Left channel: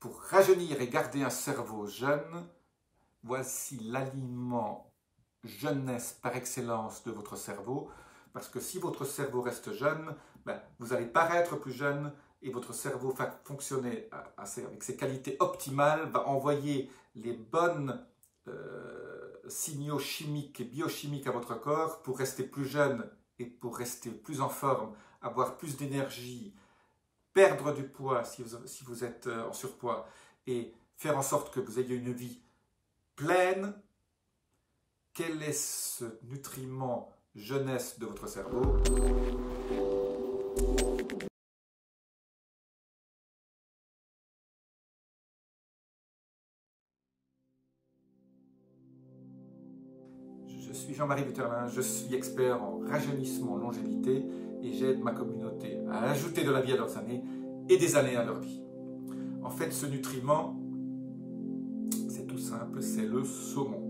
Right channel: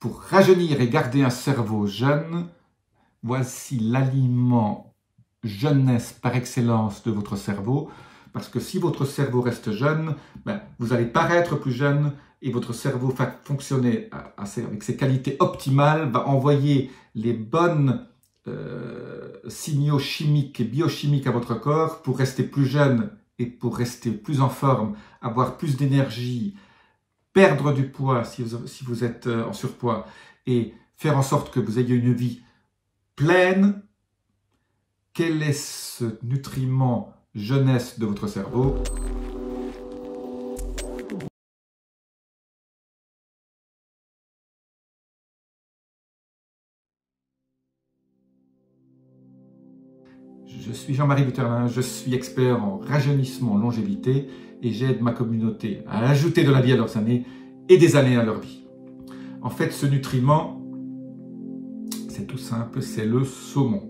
Pour rajeunir et garder un cerveau jeune, voici l'aliment jeunesse par excellence de votre cerveau. Parce que si votre cerveau reste jeune, vous allez paraître plus jeune et votre cerveau va fonctionner avec ses qualités optimales, va envoyer les bonnes signaux chimiques et biochimiques à votre corps pour rester plus jeune et pour rester plus en forme, avoir plus d'énergie, perdre du poids si vous êtes en surpoids et faire en sorte que vous ayez une vie pleine. Quel est ce nutriment jeunesse de votre cerveau? Je suis Jean-Marie Buterlin, je suis expert en rajeunissement, longévité et j'aide ma communauté à ajouter de la vie à leurs années et des années à leur vie. En fait, ce nutriment, c'est tout simple, c'est le saumon.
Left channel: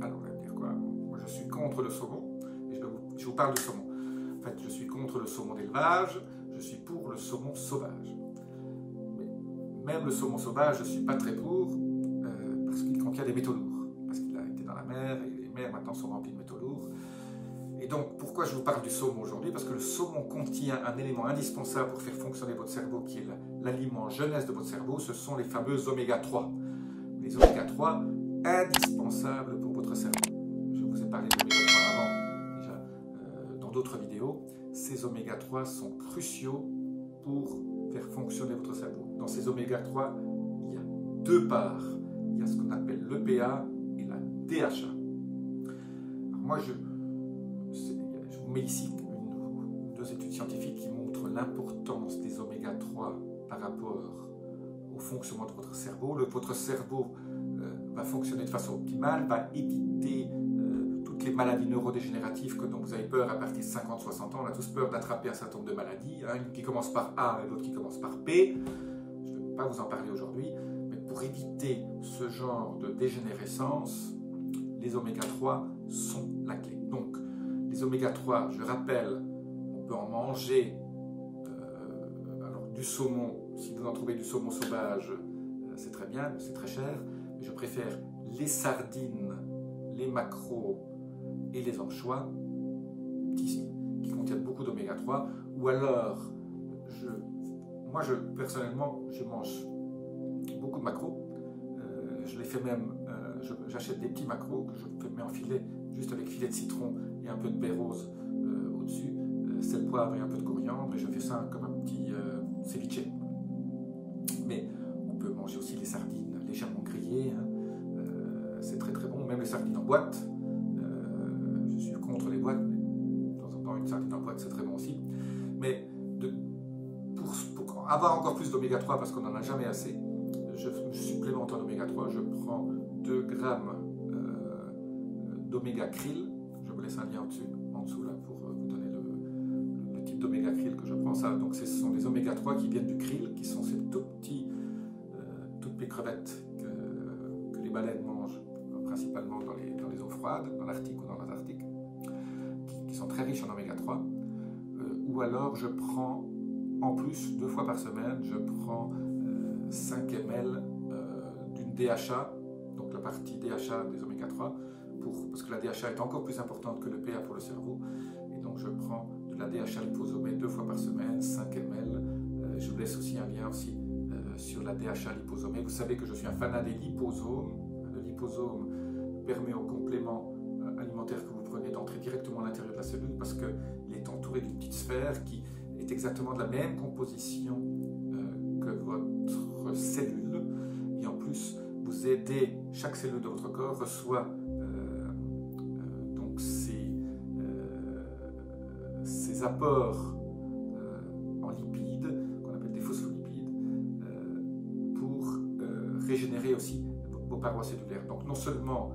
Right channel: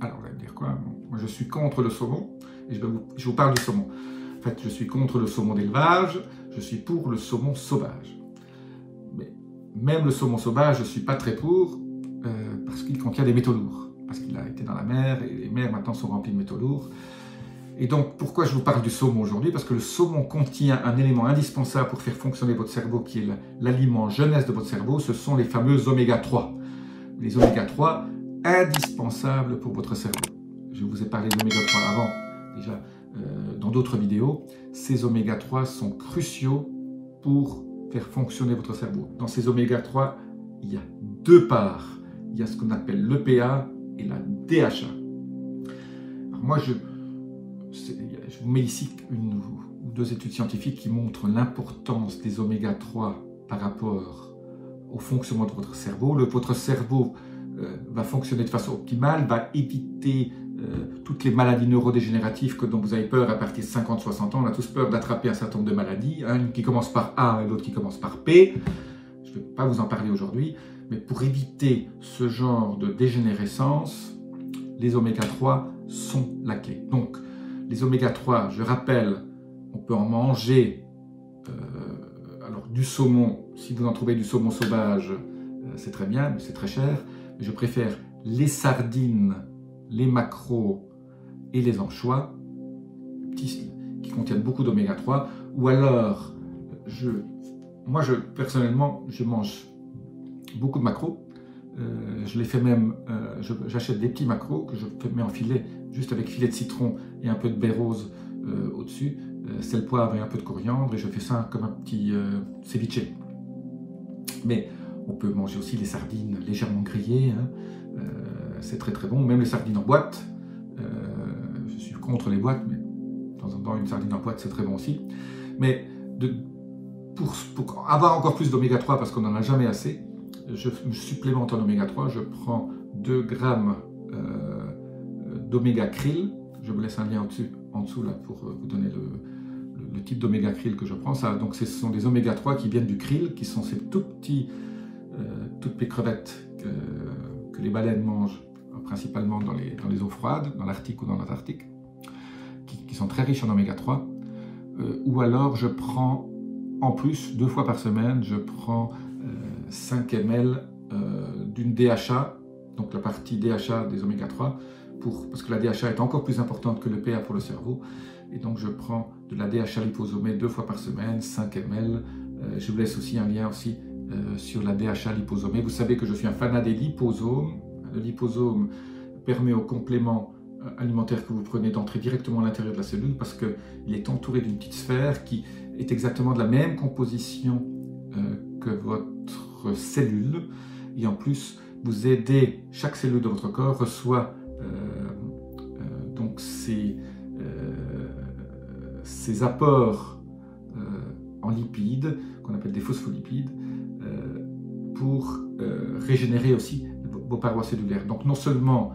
Alors, vous allez me dire quoi? Moi, je suis contre le saumon et je vous parle du saumon. En fait, je suis contre le saumon d'élevage, je suis pour le saumon sauvage. Mais même le saumon sauvage, je ne suis pas très pour parce qu'il contient des métaux lourds. Parce qu'il a été dans la mer, et les mers maintenant sont remplies de métaux lourds. Et donc, pourquoi je vous parle du saumon aujourd'hui? Parce que le saumon contient un élément indispensable pour faire fonctionner votre cerveau, qui est l'aliment jeunesse de votre cerveau, ce sont les fameux oméga 3. Les oméga 3 indispensables pour votre cerveau. Je vous ai parlé d'oméga 3 avant, déjà, dans d'autres vidéos. Ces oméga 3 sont cruciaux pour faire fonctionner votre cerveau. Dans ces oméga 3, il y a deux parts. Il y a ce qu'on appelle l'EPA et la DHA. Alors moi, je vous mets ici une ou deux études scientifiques qui montrent l'importance des oméga 3 par rapport au fonctionnement de votre cerveau. Votre cerveau va fonctionner de façon optimale, va éviter toutes les maladies neurodégénératives dont vous avez peur à partir de 50-60 ans. On a tous peur d'attraper un certain nombre de maladies, une qui commence par A et l'autre qui commence par P. Je ne vais pas vous en parler aujourd'hui, mais pour éviter ce genre de dégénérescence, les oméga 3 sont la clé. Donc, les oméga 3, je rappelle, on peut en manger alors du saumon. Si vous en trouvez du saumon sauvage, c'est très bien, mais c'est très cher. Mais je préfère les sardines, les maquereaux et les anchois, qui contiennent beaucoup d'oméga 3. Ou alors, personnellement, je mange beaucoup de maquereaux. Je les fais même, j'achète des petits maquereaux que je mets en filet, juste avec filet de citron et un peu de baie rose au-dessus, sel, poivre et un peu de coriandre, et je fais ça comme un petit ceviche. Mais on peut manger aussi les sardines légèrement grillées, hein. C'est très très bon, même les sardines en boîte. Je suis contre les boîtes, mais de temps en temps une sardine en boîte c'est très bon aussi. Mais pour avoir encore plus d'oméga 3, parce qu'on n'en a jamais assez, je me supplémente en oméga 3, je prends 2 grammes d'oméga krill. Je vous laisse un lien en dessous là, pour vous donner le type d'oméga krill que je prends. Donc ce sont des oméga 3 qui viennent du krill, qui sont ces toutes petites crevettes que les baleines mangent, principalement dans les eaux froides, dans l'Arctique ou dans l'Antarctique, qui sont très riches en oméga 3. Ou alors je prends, en plus, 2 fois par semaine, je prends 5 ml d'une DHA, donc la partie DHA des oméga 3, parce que la DHA est encore plus importante que le PA pour le cerveau, et donc je prends de la DHA liposomée 2 fois par semaine, 5 ml. Je vous laisse aussi un lien aussi sur la DHA liposomée. Vous savez que je suis un fanat des liposomes. Le liposome permet au complément alimentaire que vous prenez d'entrer directement à l'intérieur de la cellule, parce qu'il est entouré d'une petite sphère qui est exactement de la même composition que votre cellule, et en plus vous aidez, chaque cellule de votre corps reçoit donc ces apports en lipides qu'on appelle des phospholipides pour régénérer aussi vos parois cellulaires. Donc non seulement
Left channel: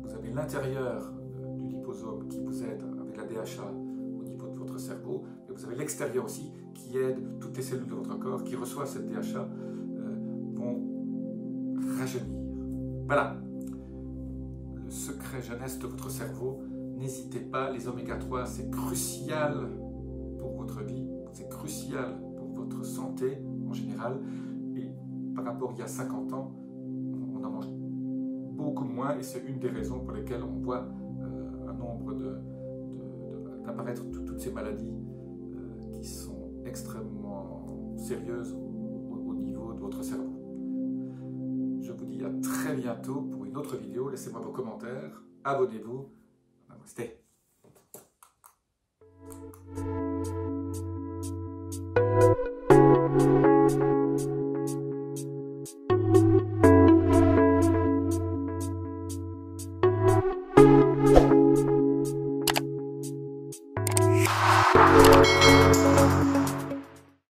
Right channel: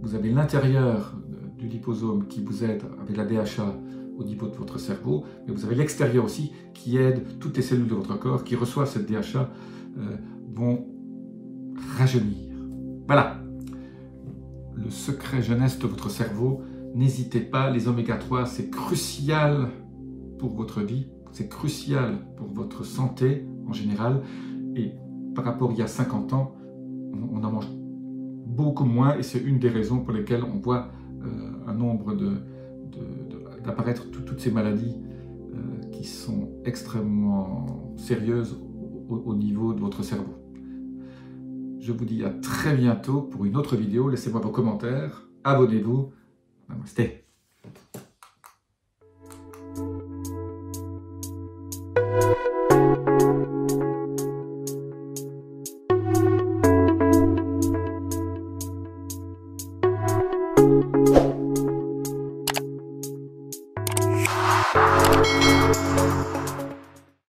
vous avez l'intérieur du liposome qui vous aide avec la DHA au niveau de votre cerveau, mais vous avez l'extérieur aussi qui aide toutes les cellules de votre corps qui reçoivent cette DHA vont rajeunir. Voilà le secret jeunesse de votre cerveau. N'hésitez pas, les oméga 3 c'est crucial pour votre vie, c'est crucial pour votre santé en général, par rapport à il y a 50 ans, on en mange beaucoup moins et c'est une des raisons pour lesquelles on voit un nombre d'apparaître toutes ces maladies qui sont extrêmement sérieuses au niveau de votre cerveau. Je vous dis à très bientôt pour une autre vidéo. Laissez-moi vos commentaires, abonnez-vous. Namasté.